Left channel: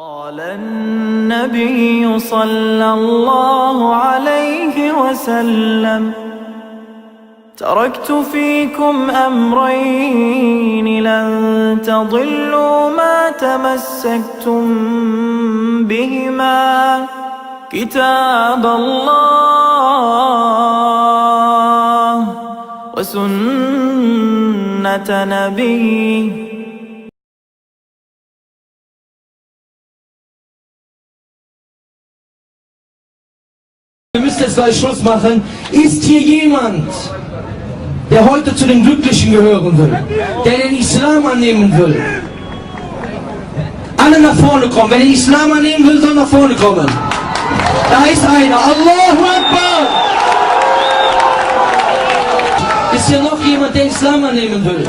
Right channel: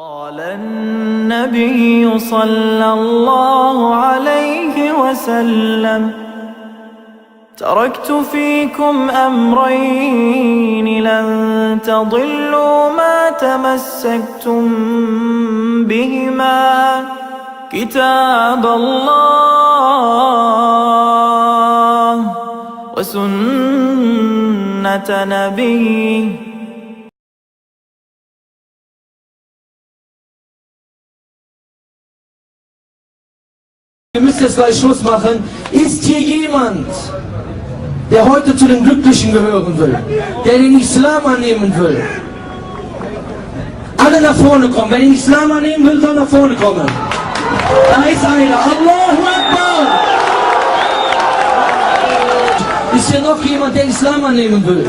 قال النبي صلى الله عليه وسلم تركت فيكم أمرين لن تضلوا ما تمسكتم بهما كتاب الله وسنة نبيه. Wir müssen jetzt gleich Schluss machen. Ist hier jemand, der heute zu den Glücklichen gehören will, der den Islam annehmen will? Alle nach vorne kommen. Wer den Islam annehmen will, soll nach vorne kommen. Da ist einer. Allahu Akbar! Ist hier noch jemand, der Islam annehmen will?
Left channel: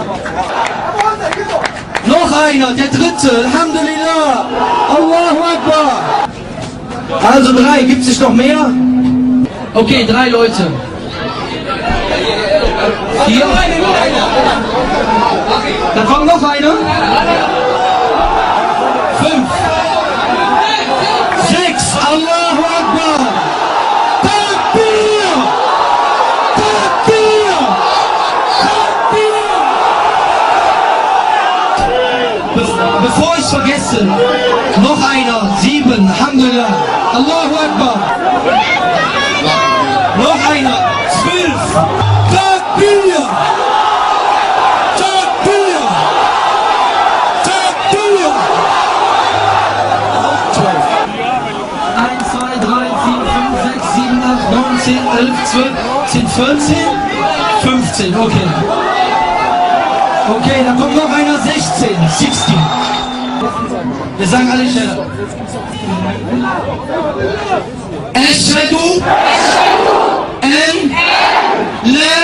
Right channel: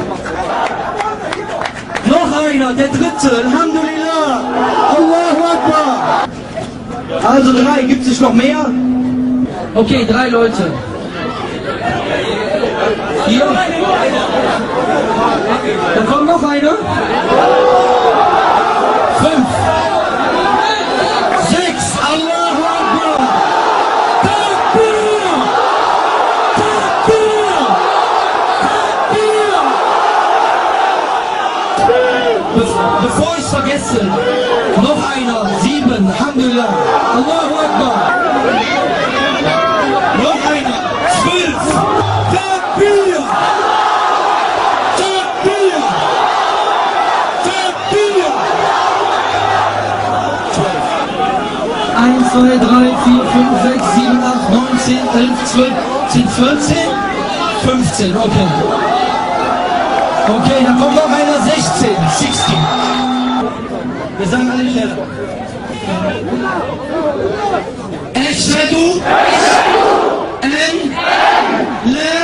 Noch einer, der dritte. Alhamdulillah. Allahu Akbar! Also 3, gibt es nicht noch mehr? Okay, 3 Leute. Hier. Da kommt noch einer. 5. 6. Allahu Akbar. Takbir. Takbir. Takbir. Bevor ich vergesse, noch einer. 7. Alhamdulillah. Allahu Akbar. Noch einer. 12. Takbir. Takbir. Takbir. 12. 1, 2, 3, 4, 5, 6, 7, 8, 9, 10, 11, 12, 10, 14, 15. Okay. Okay, dann kommt noch einer. 16. 16. Wir sagen alle schneller. Eşhedü en la